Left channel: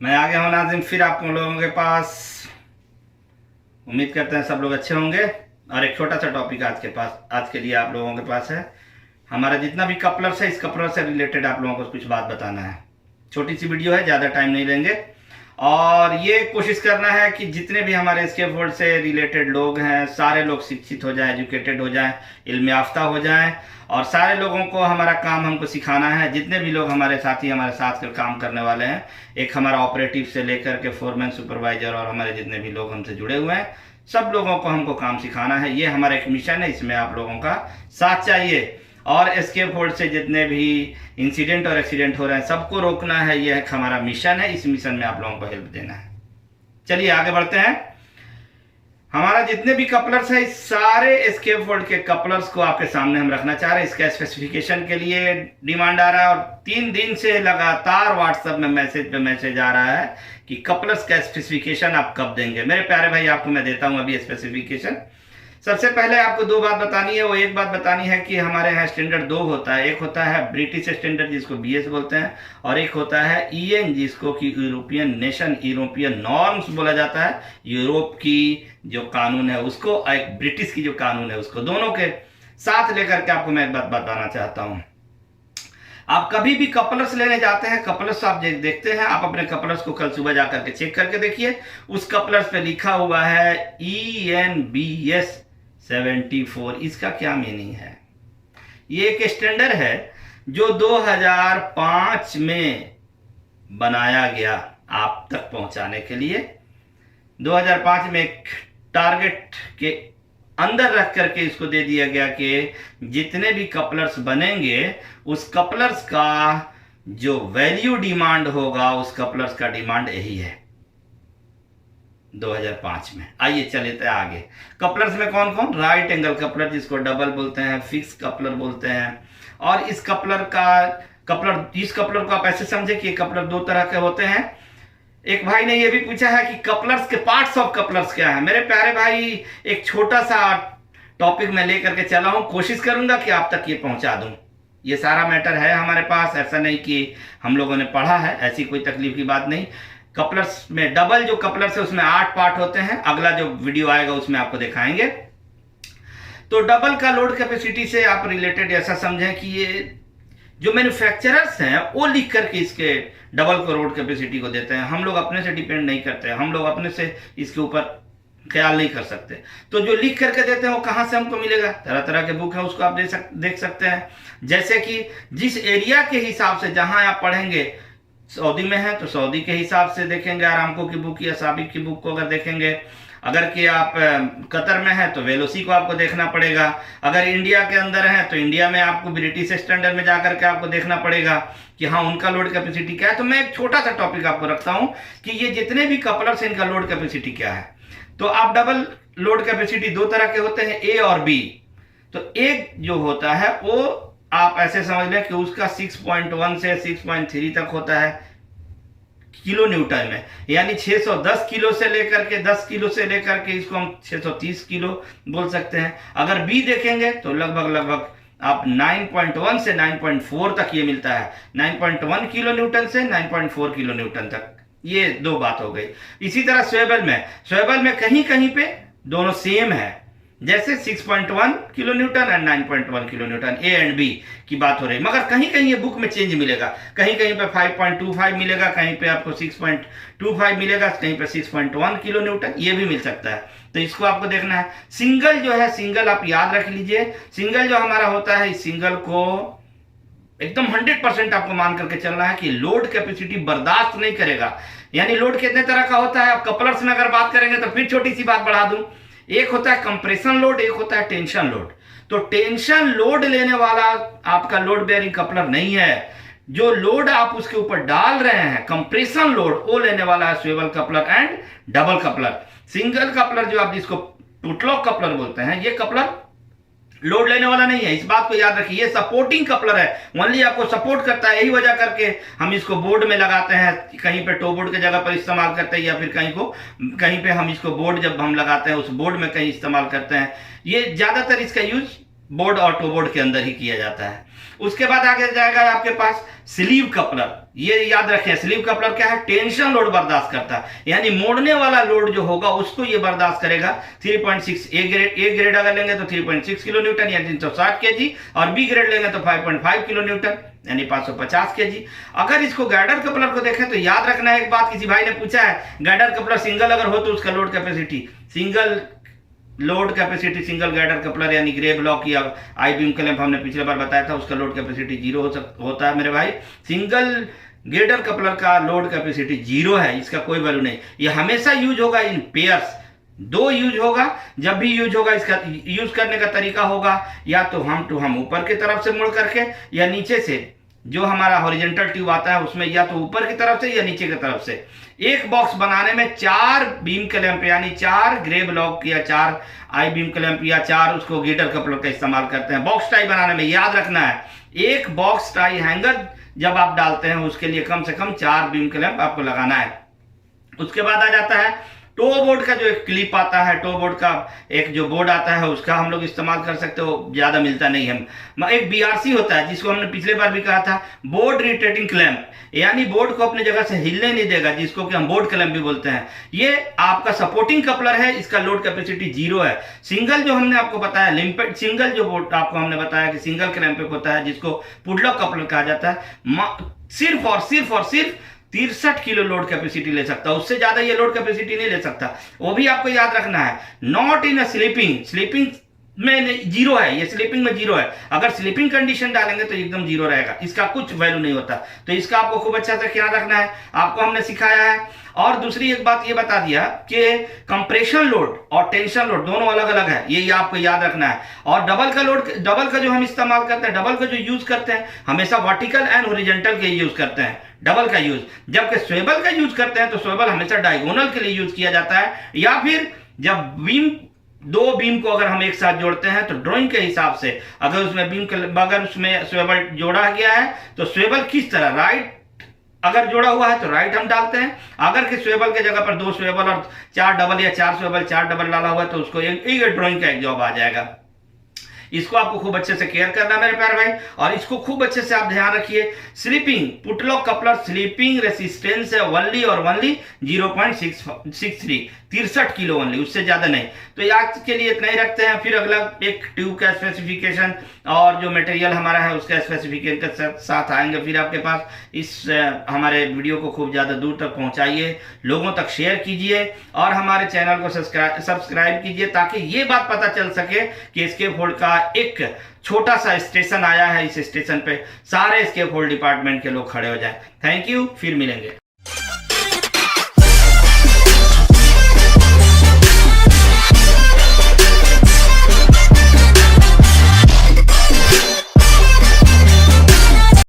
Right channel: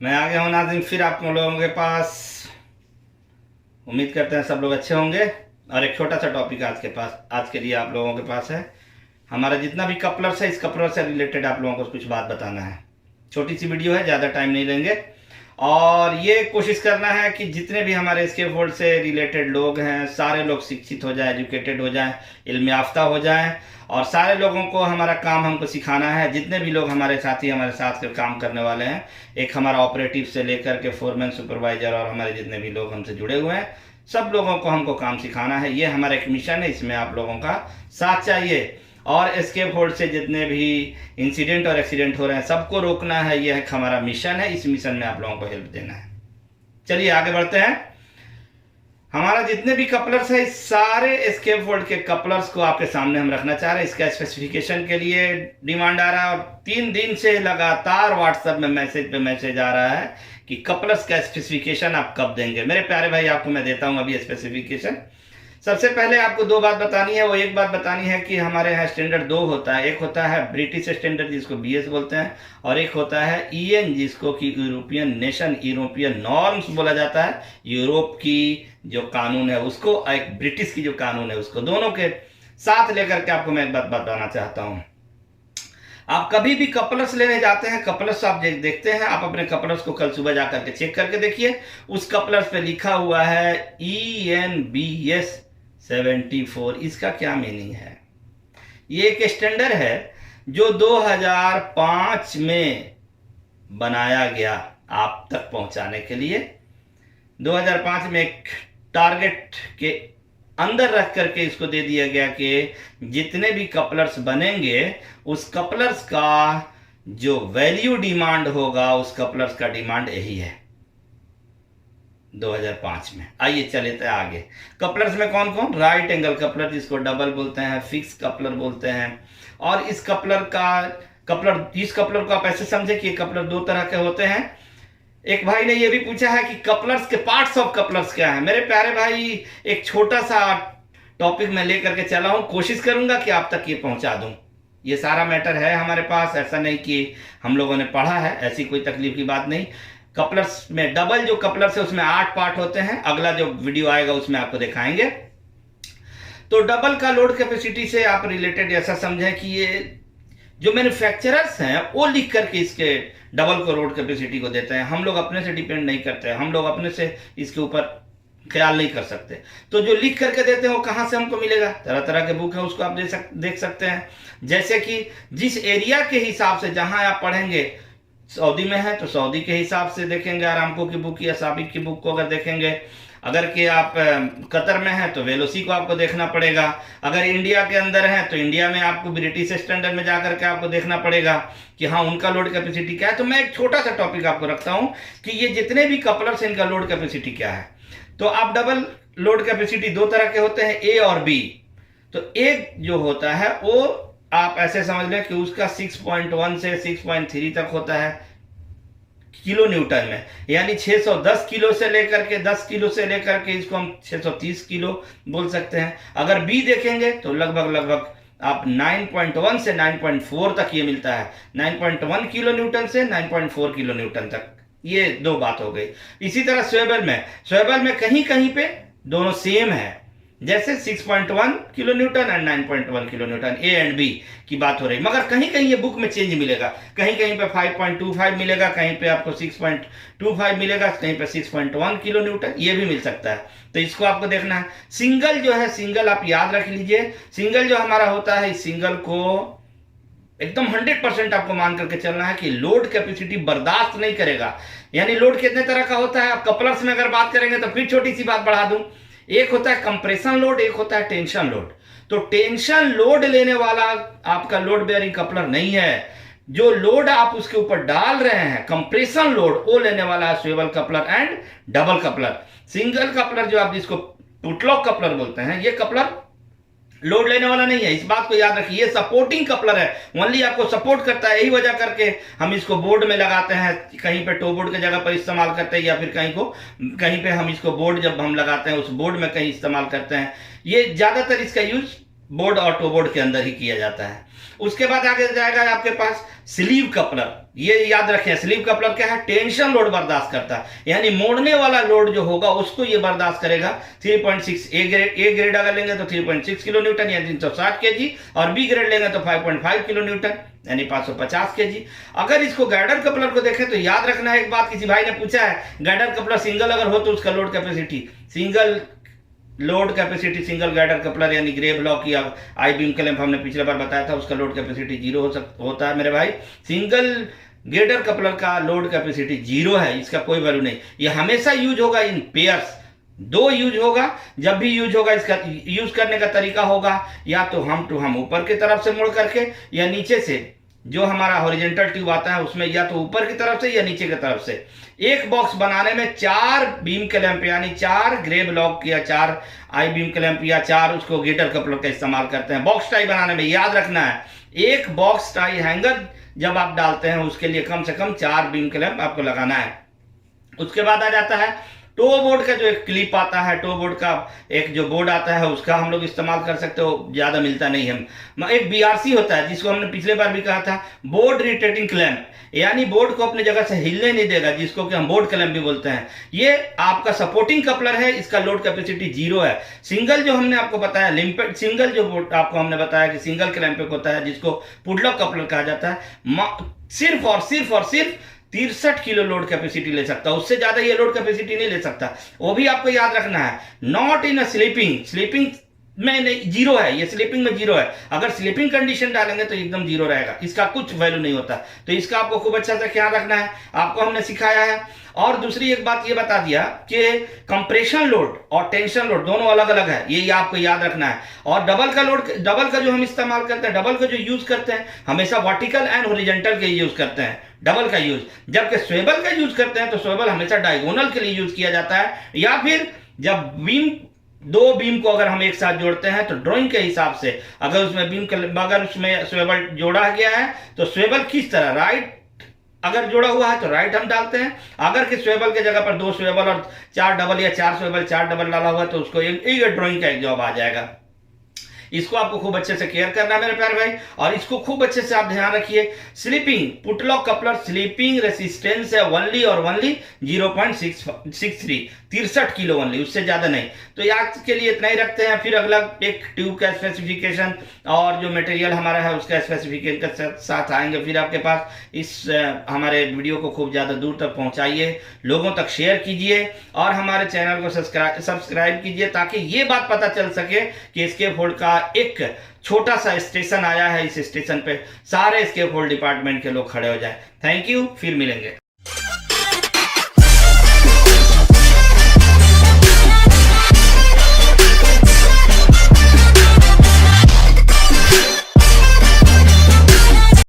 मैं आ गया हूँ नाज़िम फिर आप लोगों के पास। उम्मीद करते हैं सब लोग अच्छे होंगे। और एक छोटा सा टॉपिक आज के लिए आप लोगों के पास है। हमारा जितना भी कपलर्स है, इस कपलर से रिलेटेड आप लोगों को कुछ बात बताना है। छोटी सी वीडियो है, ज़्यादा टाइम नहीं लेंगे। और ये कोशिश करना है कि जितने भी हमारे एस्केप वर्ल्ड से रिलेटेड लोग हैं, सारे लोग शिक्षित हो जाएं, एजुकेटेड हो जाएं, इल्म याफ्ता हो जाएं। और सारे लोगों को हमारा काम हमको सिखाना है। जितने भी लोग हमारे साथी हमारे साथ कर काम करने वाले हैं, एक हमारा ऑपरेटिव से लेकर के फोरमैन, सुपरवाइजर और हमारे जितने भी लोग हमसे जुड़े हुए हैं, सब लोगों को हमको काम सिखाना है। ये हमारा एक मिशन है, इसमें आप लोगों का साथ चाहिए। और एस्केप वर्ल्ड से जितने भी इंसिडेंट और एक्सीडेंट हो रहे हैं, सबको रोकना है। यह हमारा मिशन है। इस मिशन में आप लोगों को हेल्प देना है। चलिए आगे बढ़ते हैं। हमारा जितने भी कपलर्स है, इस सारे एस्केप वर्ल्ड के कपलर्स को आपके सामने हम रखना चाह रहे हैं। इसका स्पेसिफिकेशन के लिए डिमांड आ रहा है और 3 दिन से लगातार व्हाट्सएप में मैसेज पे मैसेज आ रहा है कि कपलर्स का स्पेसिफिकेशन आप कब देंगे। मेरे प्यारे भाई, आपको मैं देता हूं अभी स्पेसिफिकेशन। सबसे पहले आपको 2 बात बतानी है। वो एक बात बतानी है कि हमारे यहाँ स्टैंडर्ड 2 होता है। एक होता है ब्रिटिश स्टैंडर्ड, जिसको BS बोलते हैं, और एक होता है EN, जिसको कि यूरोपियन नेशन, यूरोपियन नॉर्म्स बोला जाता है। यूरोप की जो कानून है उसको, एक ब्रिटिश की जो कानून है उसको, दोनों के साथ लेकर के आपको मैं एक बात बताना चाहता हूँ। आप कभी भी कपलर्स लेने जाते हैं, कपलर्स आप देखते हैं, आप अपने कपलर्स को कल सुबह जाकर के चेक करके देखिए। उस कपलर्स पे लिखा हुआ है ENBS 74। इसका क्या मीनिंग है? ये एक स्टैंडर्ड है जो 2005 में बनाया गया आप तक पहुंचाने के लिए। 2005 में एक टारगेट के अंदर रख करके इसको दे दिया गया कि जितने भी कपलर्स बनेंगे, उस कपलर्स का जो वैल्यू डिमांड होगा, उस कपलर्स का डिमांड यही है 2005 में। आइए चलते हैं आगे। कपलर्स में कौन कौन? राइट एंगल कपलर, जिसको डबल बोलते हैं, फिक्स कपलर बोलते हैं। और इस कपलर को आप ऐसे समझे कि ये कपलर 2 तरह के होते हैं। एक भाई ने ये भी पूछा है कि कपलर्स के पार्ट्स ऑफ कपलर्स क्या है। मेरे प्यारे भाई, एक छोटा सा टॉपिक मैं लेकर के चला हूं, कोशिश करूंगा कि आप तक ये पहुंचा दूं। ये सारा मैटर है हमारे पास, ऐसा नहीं कि हम लोगों ने पढ़ा है, ऐसी कोई तकलीफ की बात नहीं। कपलर्स में डबल जो कपलर्स है उसमें 8 पार्ट होते हैं। अगला जो वीडियो आएगा उसमें आपको दिखाएंगे। तो डबल का लोड कैपेसिटी से आप रिलेटेड ऐसा समझें कि ये जो मैन्युफैक्चरर्स हैं वो लिख करके इसके डबल को लोड कैपेसिटी को देते हैं। हम लोग अपने से डिपेंड नहीं करते हैं, हम लोग अपने से इसके ऊपर ख्याल नहीं कर सकते। तो जो लिख करके देते हैं वो कहाँ से हमको मिलेगा? तरह तरह के बुक है, उसको आप देख सकते हैं। जैसे कि जिस एरिया के हिसाब से जहां आप पढ़ेंगे, सऊदी में है तो सऊदी के हिसाब से देखेंगे आरामको की बुक या साबिक की बुक को अगर देखेंगे। अगर कि आप कतर में हैं तो वेलोसी को आपको देखना पड़ेगा। अगर इंडिया के अंदर हैं तो इंडिया में आपको ब्रिटिश स्टैंडर्ड में जाकर के आपको देखना पड़ेगा कि हाँ उनका लोड कैपेसिटी क्या है। तो मैं एक छोटा सा टॉपिक आपको रखता हूं कि ये जितने भी कपलर्स हैं इनका लोड कैपेसिटी क्या है। तो आप डबल लोड कैपेसिटी 2 तरह के होते हैं, A और B। तो एक जो होता है वो आप ऐसे समझ लें कि उसका 6.1 से 6.3 तक होता है किलो न्यूटन में, यानी 610 किलो से लेकर के 10 किलो से लेकर के इसको हम 630 किलो बोल सकते हैं। अगर बी देखेंगे तो लगभग आप 9.1 से 9.4 तक ये मिलता है। 9.1 किलो न्यूटन से 9.4 किलो न्यूटन तक। ये 2 बात हो गई। इसी तरह स्वेबल में कहीं कहीं पे दोनों सेम है, जैसे 6.1 kilo Newton and 9.1 kilo Newton, A and B की बात हो रही। मगर कहीं कहीं ये बुक में चेंज मिलेगा, कहीं कहीं पे 5.25 मिलेगा, कहीं पे आपको 6.25 मिलेगा, कहीं पे 6.1 किलो न्यूटन, ये भी मिल सकता है। तो इसको आपको देखना है। सिंगल जो है, सिंगल आप याद रख लीजिए, सिंगल जो हमारा होता है, इस सिंगल को एकदम 100% आपको मान करके चलना है कि लोड कैपेसिटी बर्दाश्त नहीं करेगा। यानी लोड कितने तरह का होता है, आप कपलर्स में अगर बात करेंगे तो फिर छोटी सी बात बढ़ा दूं, एक होता है कंप्रेशन लोड, एक होता है टेंशन लोड। तो टेंशन लोड लेने वाला आपका लोड बेयरिंग कपलर नहीं है। जो लोड आप उसके ऊपर डाल रहे हैं, कंप्रेशन लोड, वो लेने वाला है swivel coupler and double coupler. Single coupler जो आप जिसको पुटलॉक कपलर बोलते हैं, ये कपलर लोड लेने वाला नहीं है, इस बात को याद रखिए। ये सपोर्टिंग कपलर है, ओनली आपको सपोर्ट करता है। यही वजह करके हम इसको बोर्ड में लगाते हैं, कहीं पे टो बोर्ड की जगह पर इस्तेमाल करते हैं, या फिर कहीं पे हम इसको बोर्ड जब हम लगाते हैं उस बोर्ड में कहीं इस्तेमाल करते हैं। ये ज्यादातर इसका यूज बोर्ड और टो बोर्ड के अंदर ही किया जाता है। उसके बाद आगे जाएगा आपके पास स्लीव कपलर, ये याद रखें, स्लीव कपलर क्या है, टेंशन लोड बर्दाश्त करता है, यानी मोड़ने वाला लोड जो होगा उसको ये बर्दाश्त करेगा। 3.6 ए ग्रेड अगर लेंगे तो 3.6 किलो न्यूटन यानी 360 केजी, और बी ग्रेड लेंगे तो 5.5 किलो न्यूटन यानी 550 केजी। अगर इसको गाइडर कपलर को देखें तो याद रखना है एक बात, किसी भाई ने पूछा है गाइडर कपलर सिंगल अगर हो तो उसका load capacity, single load capacity single girder coupler यानी ग्रे ब्लॉक या आई बीम क्लैंप हमने पिछले बार बताया था, उसका लोड कैपेसिटी 0 होता है मेरे भाई। सिंगल गाइडर कपलर का लोड कैपेसिटी 0 है, इसका कोई वैल्यू नहीं। ये हमेशा यूज होगा इन पेयर्स, 2 यूज होगा। जब भी यूज होगा इसका यूज करने का तरीका होगा या तो हम ऊपर की तरफ से मुड़ करके, या नीचे से जो हमारा हॉरिजॉन्टल ट्यूब आता है उसमें या तो ऊपर की तरफ से या नीचे की तरफ से। एक बॉक्स बनाने में 4 बीम क्लैंप यानी 4 ग्रे ब्लॉक या 4 आई बीम क्लैंप या 4 उसको गाइडर कपलर का इस्तेमाल करते हैं। बॉक्स टाई बनाने में याद रखना है, एक बॉक्स टाई हैंगर जब आप डालते हैं उसके लिए कम से कम 4 बीम क्लैंप आपको लगाना है। उसके बाद आ जाता है टो बोर्ड का जो एक क्लिप आता है, टो बोर्ड का एक जो बोर्ड आता है उसका हम लोग इस्तेमाल कर सकते हो, ज़्यादा मिलता नहीं है। एक बीआरसी होता है जिसको हमने पिछले बार भी कहा था, बोर्ड रोटेटिंग क्लैंप, यानी बोर्ड को अपने जगह से हिलने नहीं देगा, जिसको कि हम बोर्ड क्लैंप भी बोलते हैं। ये आपका सपोर्टिंग कपलर है, इसका लोड कैपेसिटी 0 है। सिंगल जो हमने आपको बताया लिम्पेड सिंगल जो बोर्ड आपको हमने बताया कि सिंगल क्लैंप होता है जिसको पुडलॉक कपलर कहा जाता है, सिर्फ और सिर्फ 63 किलो लोड कैपेसिटी ले सकता है, उससे ज्यादा ये लोड कैपेसिटी नहीं ले सकता। वो भी आपको याद रखना है, नॉट इन अ स्लीपिंग में 0 है, ये स्लीपिंग में 0 है। अगर स्लीपिंग कंडीशन डालेंगे तो एकदम 0 रहेगा, इसका कुछ वैल्यू नहीं होता। तो इसका आपको खूब अच्छा से ख्याल रखना है, आपको हमने सिखाया है। और दूसरी एक बात ये बता दिया कि कंप्रेशन लोड और टेंशन लोड दोनों अलग अलग है, ये आपको याद रखना है। और डबल का जो हम इस्तेमाल करते हैं, डबल का जो यूज करते हैं हमेशा वर्टिकल एंड हॉरिजॉन्टल के यूज करते हैं डबल का यूज, जबकि स्वेबल का यूज करते हैं तो स्वेबल हमेशा डायगोनल के लिए यूज किया जाता है। या फिर जब दो बीम को अगर हम एक साथ जोड़ते हैं तो ड्राइंग के हिसाब से अगर उसमें स्वेबल जोड़ा गया है तो स्वेबल किस तरह, राइट अगर जोड़ा हुआ है तो राइट हम डालते हैं। अगर कि स्वेबल के जगह पर 2 स्वेबल और 4 डबल या 4 स्वेबल 4 डबल डाला हुआ है तो उसको एक ड्राइंग का एक जॉब आ जाएगा। इसको आपको खूब अच्छे से केयर करना है मेरे प्यारे भाई, और इसको खूब अच्छे से आप ध्यान रखिए। स्लीपिंग पुटलॉक कपलर स्लीपिंग रेसिस्टेंस है ओनली 0.63 किलो ओनली, उससे ज्यादा नहीं। तो आज के लिए इतना ही रखते हैं, फिर अगला एक ट्यूब का स्पेसिफिकेशन और जो मटेरियल हमारा है उसका स्पेसिफिकेशन के साथ आएंगे फिर आपके पास। इस हमारे वीडियो को खूब ज्यादा दूर तक पहुंचाइए, लोगों तक शेयर कीजिए और हमारे चैनल को सब्सक्राइब कीजिए ताकि ये बात पता चल सके कि एस्केप होल्ड का एक छोटा सा स्टेशन आया है, इस स्टेशन पे सारे एस्केप होल्ड डिपार्टमेंट के लोग खड़े हो जाएं। थैंक यू, फिर मिलेंगे।